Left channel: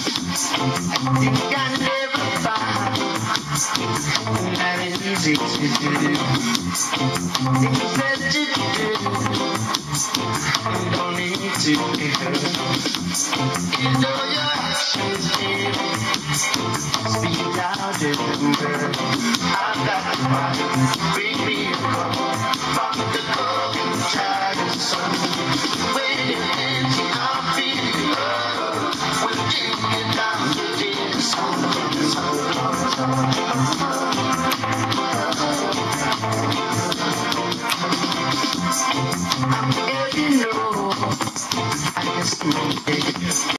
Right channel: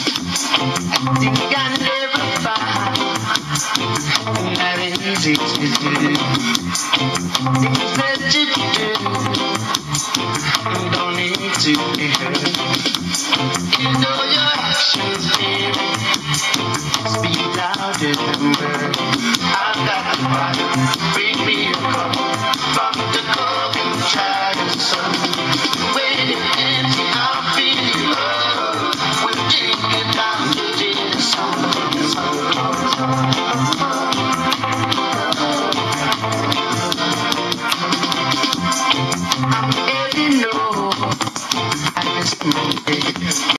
think I never find that easy to do. Things that you do, you don't need to be heard. You know your actions, baby, speak louder than words. I've got the fire, bring me a cup from the cold and try the sun. Waiting empty, I'm feeling love. We're taking down to this song. I'm heading low, I guess I'm